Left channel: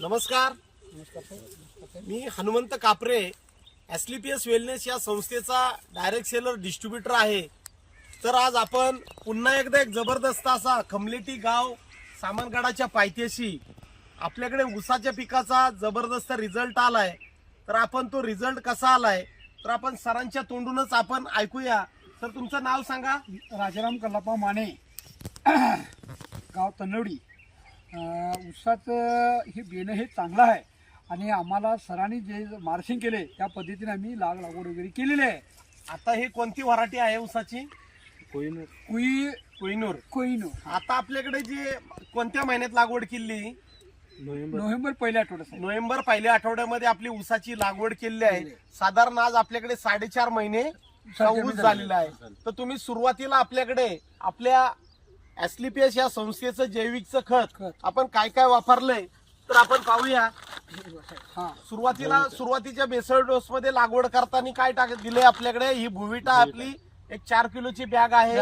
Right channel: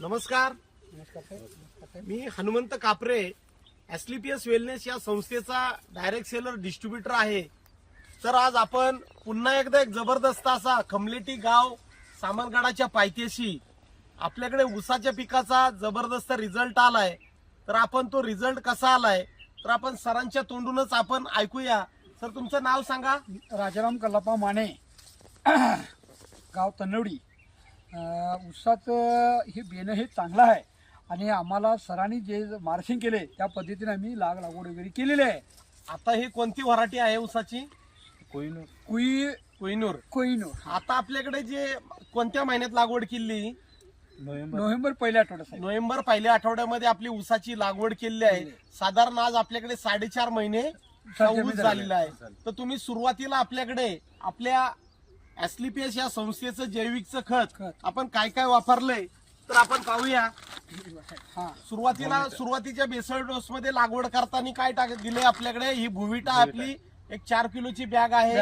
नमस्कार. मी हनुमंत कापरे, एसलीपीएस वेलनेस या संस्थेचा डायरेक्ट सेलर डिस्ट्रीब्युटर आहे. तर आज आपण पुन्हा एकदा एक जबरदस्त असा खमलेटी गाव सामनगडाच्या पायथ्याशी आपल्याकडे ऊसाच्या पिकाचा जबरदस्त रिझल्ट आलाय. तर आपण तो रिझल्ट कसा आलाय तर आपण सरांच्या तोंडूनच आपण ऐकूया. सर, तुमचं नाव सांगा. राजाराम कल्लापा माने, गाव तनवडी. ऊसाचं हे बेणं हे चांगलं आहे आणि आम्हाला सरांनी जे मार्शिंग केले त्या पद्धतीने आम्ही लागवड वगैरे केलेली आहे. आता ही कोणती व्हरायटी आहे ऊसाची? कोहिनूर. आता आपल्याकडे जे कोणत्या महिन्यात लागवड केली? नोव्हेंबर पहिल्या आठवड्यात. नोव्हेंबर पहिल्या आठवड्यामध्ये आपली ऊसाची लागवड केलेली आहे. साधारण आज आपल्याकडे 4.5 महिने ऊस झालेला आहे. तर तुम्ही सुरुवातीला आपल्याकडे आपल्या एसलीपीएस या संस्थेचं जैविकचं खत आपण काय काय वापरलंय तर आपण पाहूया. सुरुवातीच्या बेसल डोस मध्ये लागवड करताना काय दिले आपल्याकडे? ही भुविटा आपली एक 4 किलोची बॅग आहे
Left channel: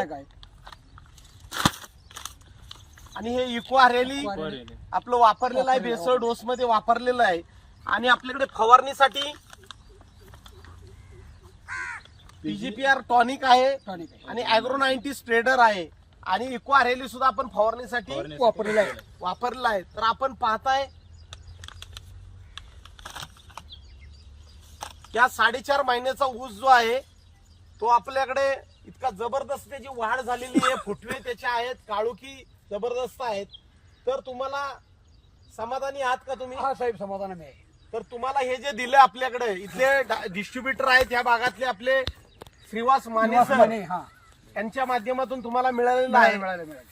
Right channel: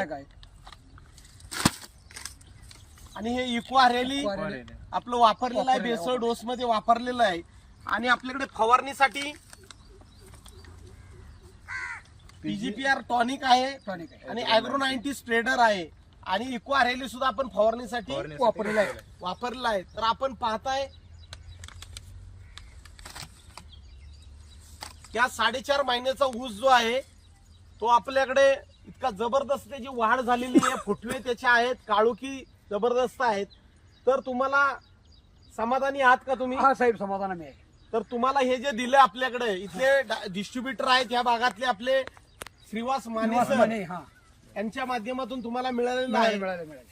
आणि हे इको हरेली आपलं वापरलेलं आहे, बेसल डोस मध्ये वापरलेलं आहे. आणि आपल्याकडे फवारणीसाठी पीजीपीआर टॉनिक आहे आणि ॲग्रो 90 स्प्रेडर आहे आणि इको हरेली सुद्धा आपण फवारणीसाठी वापरलेला आहे. तर आपण पाहताय या 4.5 महिन्याचा ऊस जो आहे तो आपल्याकडे इतका जबरदस्त त्याची वाढ झालेली आहे. फुटवे त्याचे आहेत, काळुकी जबरदस्त आहेत. तर तुम्हाला समाधानी आहात का तुम्ही? हा साहेब, समाधानी आहे. तर तुम्हाला हे जे दिले आपल्याकडे इथले डिस्ट्रीब्युटर आहेत या भागातले आपले श्रीवास माने सर, यांच्या माध्यमातून तुम्हाला मिळालेलं आहे.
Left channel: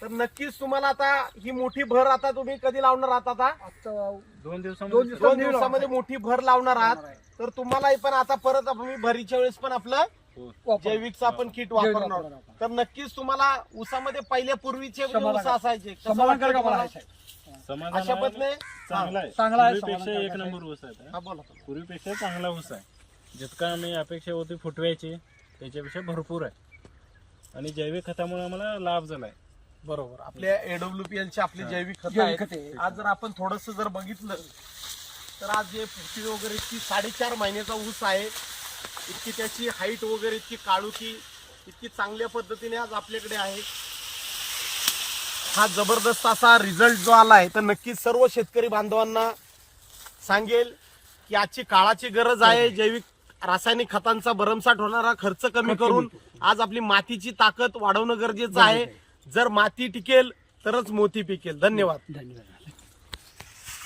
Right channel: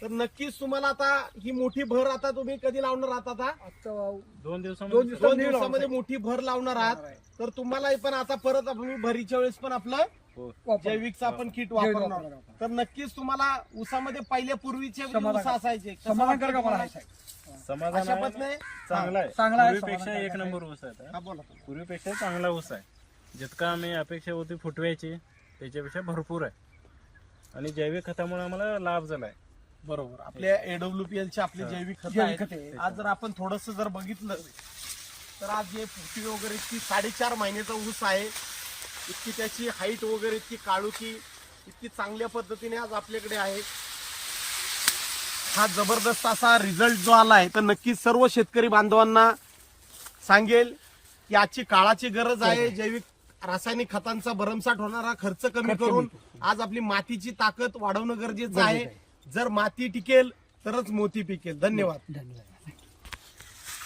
तर नक्कीच तुम्हाला आता ही मोठी भर आता तुम्ही कधी लावणार आहात? आता 2 दिवसामध्ये मोठी भर लावणार आहात. तर तुम्हालाही पण आता परत आम्ही भरीच्या वेळेस पण आपलं जैविकचं आपण किट वापरणार. तर नक्कीच तुम्हाला ऊसामध्ये पहिल्या पूर्वीचे ऊस असायचे समाधानकारक आम्हाला आहे साहेब. अशा पद्धतीने चांगला आहे. पूर्वीपेक्षा 1 नंबर ऊस आहे. पूर्वीपेक्षा चांगला ऊस आहे. जितका आम्ही अपेक्षा होती फुटवायची त्याच्यापेक्षा भरपूर आहे आणि जैविक खतामुळे आम्हाला लाभ झालाय. बरोबर. आपल्या AWPL चे आपले जैविक खत आहे. आज जर आपण थोडस जर बघितलं तर आज जे फुटवे वगैरे इतकी 4.5 महिन्याचा ऊस आहे, इतकी त्याची हाईट वगैरे इतकी काळुकी इतकी चांगल्या पद्धतीने आज आपल्याकडे आहे. हा जबरदस्त असा रिझल्ट जो आलाय तर नक्कीच सर्व शेतकरी बांधवांना सांगेल की आजची काळाची गरज आहे. जैविक रासायनिक खतांचा भरमसाठ होणारा खर्च कमी करून आज आपली मातीची ताकद वाढवणं गरजेचं आहे. जर माती टिकेल तरच मोती पिकेल. धन्यवाद.